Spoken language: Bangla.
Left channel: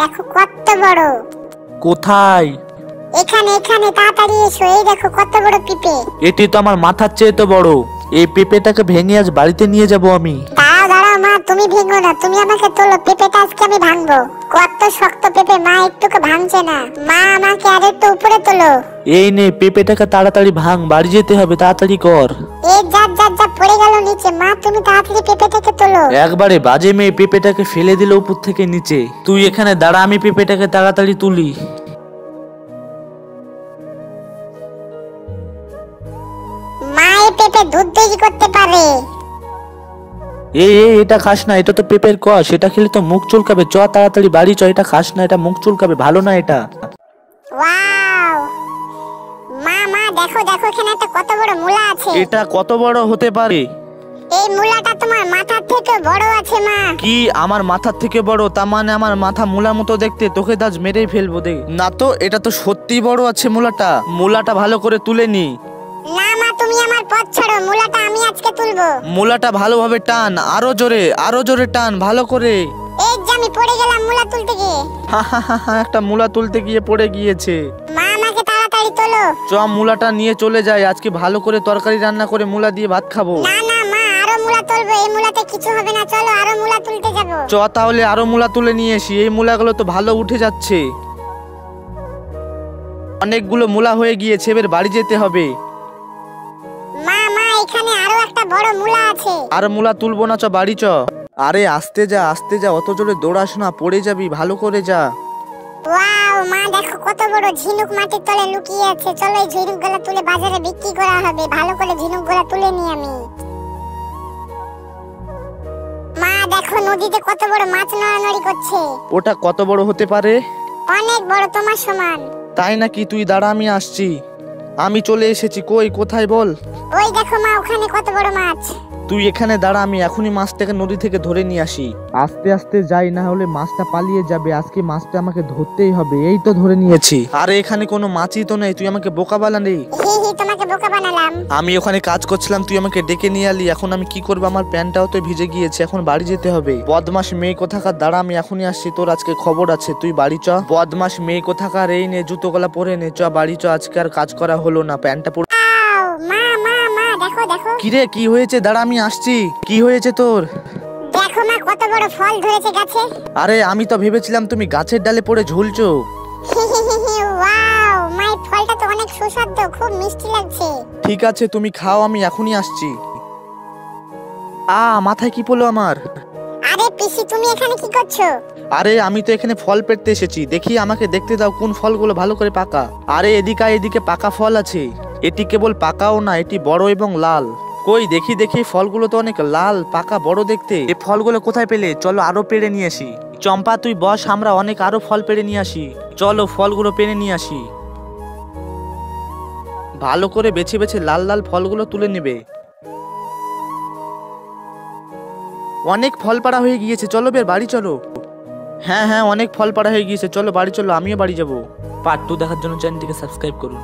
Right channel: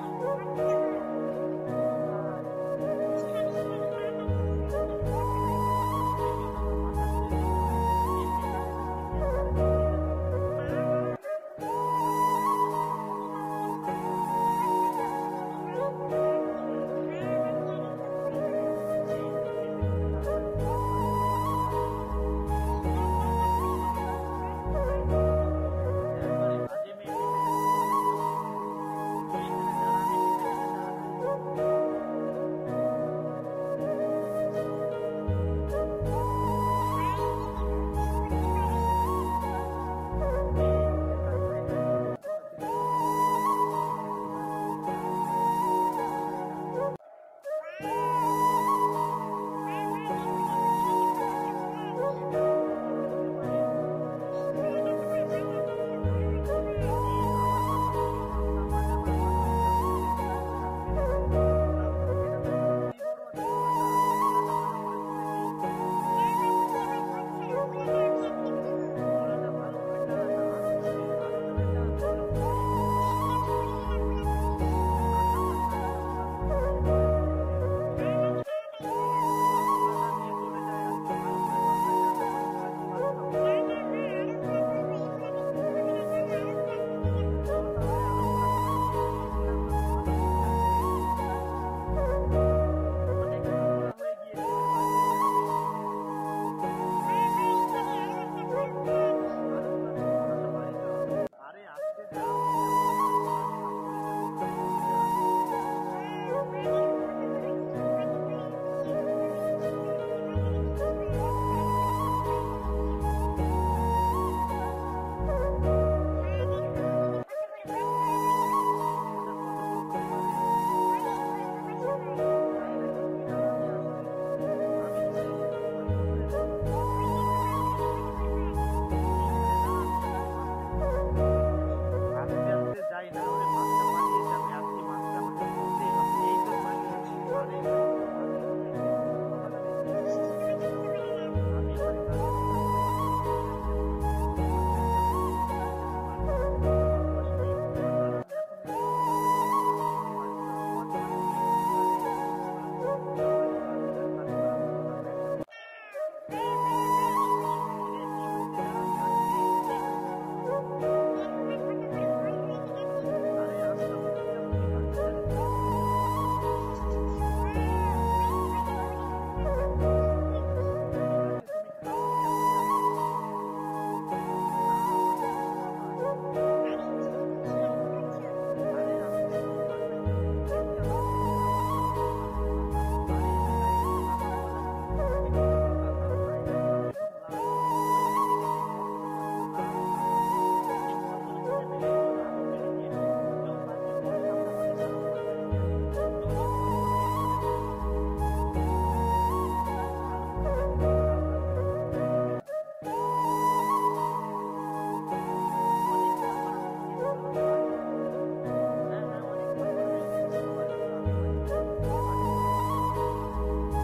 দেখো কত বড়। কোথায়? এখানে এখানে তাড়াতাড়ি এসো, এই দেখো কত বড় পেঁপে। এটি তো আমার মাথার চেয়ে তো বড়। এই পেঁপেটাকে ভেঙে আজ বাড়িতে নিয়ে যাব আমি। দাঁড়াও দাঁড়াও মা, তুমি ভেঙো না, তুমি আমাকে তোলো, পেঁপেটা আজকে আমি ভাঙবো। কত শক্ত পেঁপে মা, একটুকু ভাঙছে না। মা আমাকে আর একটু উপরে তোলো। এই নে পেঁপেটাকে তাড়াতাড়ি ভাঙ, বাড়ি যেতে হবে, তাড়াতাড়ি কর। এই যা যা যা, পড়ে গেল নিচে। মা তুমি তাড়াতাড়ি পেঁপেটাকে তোলো। একবারে বাজে মেয়ে পেঁপেটাকে ফেলে দিল উপর থেকে নিচে। তুই এখানে দাঁড়া, আমি পেঁপেটাকে তাড়াতাড়ি তুলি। মা এই পেঁপে দুধ তৈরি করতে পারে। এটা খাস না, এটা তো পেঁপের কষ, এটা খেলে তো মুখ চুলকাবে। চ তাড়াতাড়ি বাড়ি চ, এটা খাস না, এটা মুখ চুলকাবে, ভালো না এটা। ওয়াও মা মা, দেখো দেখো এখানে একটা কত বড় মূলা আছে। এটা কত বড় হতে পারে? এই মূলাটা তোমার মাথার থেকে বড় আছে মা। কি আমার মাথার থেকে বড়? তার মানে আমার মাথা মূলার মতো দেখতে? তোকে দাজ মেরেই ফেলবো দেখ। না তো, এটা তো সত্যি বড় আছে মূলাটা। মূলাটা ভালো করে তুলে নি। না মা, তুমি আমার পথ ছাড়ো, মূলাটা আমি আজকে তুলবো। মূলাটা ভালোভাবে টান, আরো জোরে টান, ভালো করে। এই যে আমি পড়ে গেলাম মূলা তুলতে গিয়ে। একটা মূলা তুলতে গিয়ে পড়ে গিয়েছে। মা আমাকে তাড়াতাড়ি তোলো। চ মূলাটা নিয়ে চলে যায়, আজকে ভালো করে তরকারি রান্না করে মূলা দিয়ে ভাত খাবো। না না মা, আরো মূলা তুলবো, এই মূলাতে কিছু হবে না, চলো আরো মূলা তুলতে যাবো। চ তাহলে আরো মূলা তুলে নিয়ে আসি। এই মূলাগুলো তো ভালো উঠে যাচ্ছে, অনেকগুলো মূলা হয়ে গিয়েছে, এবার বাড়ি যেতে হবে। মা মা, এখানে আরো একটা বড় মূলা আছে। আর মূলা তুলবো না, চ বাড়ি চ। আরে আস্তে যা, অত জোরে দৌড়াস না, পড়ে যাবি, ভালো করে যা। ওয়াও মা, দেখো কত বড় ঝিনুক মাটির তলে লুকিয়ে আছে। চলো এই ঝিনুকগুলো তুলে বাজারে বিক্রি করা হবে। ভালো করে ঝিনুকগুলো তুলে নিই আমি। মা দেখো নদীতে কত বড় মাছ নড়ানড়ি করছে। ওটা কত বড় হতে পারে? অনেক বড়, তোমার সমান। তাই নাকি? তুই দাঁড়া, আমি আসছি। আমি চলে এসেছি। কোথায় বল? ওই দেখো মা, ওখানে কত বড় মাছ। তুই এখানে দাঁড়া, আমি এখনই মাছটাকে নদী থেকে ধরে নিয়ে আসি। আস্তে আস্তে যাই, না হলে মাছটা পালিয়ে যাবে। আজকে মাছটা আমাকে ধরতেই হবে। এই তো ধরে নিয়েছি। আরে এখানে কোনো মাছই তো নেই, তুই আমাকে বোকা বানালি। তোমাকে বোকা বানালাম। আমি ওখানে কাজ করছিলাম, তুই আমাকে ডেকে নিয়ে আলি। এখন আমি কি করবো? আমার প্যান্টটাও তো ভিজে গিয়েছে, এখন বাড়ি যেতে হবে। বদমাস মেয়ে কোথাকার, দাঁড়া আমি এখনই আসছি, তোর আজকে খবর আছে। তুই বাড়ি চ। বদমাস মেয়ে কোথাকার, এই নে জুতো গলা পরে নে, চ বাড়ি চ। আজকে আর কাজ করা হলো না, প্যান্টটা পরে। মা মা মা, দেখো দেখো। কিরে কি হয়েছে? দাঁড়া আমি আসছি। কি হয়েছে তোর? দেখো মা, কত বড় ফল ধরেছে গাছে। আরে আমি তো ভেবেছিলাম তুমি গাছের ডালে পড়ে ঝুলছো। ওয়াও মা, এই ফলটা তো অনেক সুস্বাদু, খুব মিষ্টি লাগছে। ঠিক আছে তুমি খাও, আমি এখনই আসছি। মাথায় কি পড়লো আমার? আরে পিসি, তুমি এখানে কি করছো? আরে আমি তো এখানে ফল পেড়তে এসেছি। দেখি আমাকে দেখতে দাও কোন ফলগুলো ভালো করে পাকা। আরে এদিকে পাকা ফল আছে। এটি কেবল পাকাও না, এটি বড় এবং লাল। কই দেখি ফলগুলো তো অনেক লাল, পাকা, বড় দেখতে। এই ফলগুলো কোথায় পেলে? চলো আরো পেড়ে নিয়ে আসি। চম্পা তুই বস, আমরা অনেক আরো ফল পেড়ে নিয়ে আসি। চলো ফলগুলো পেড়ে নিয়ে আসি। ভালো করে বেছে বেছে লাল লাল ফলগুলো তুলে নেবে। অনেক ফল পাড়া হয়ে গিয়েছে, চলো বের বাড়ি চলো। হ্যাঁ অনেক ফল পাড়া হয়ে গিয়েছে, চলো বাড়ি চলো, আমিও বাড়ি যাবো। পার্ট 2 দেখার জন্য চ্যানেলটিকে সাবস্ক্রাইব করুন।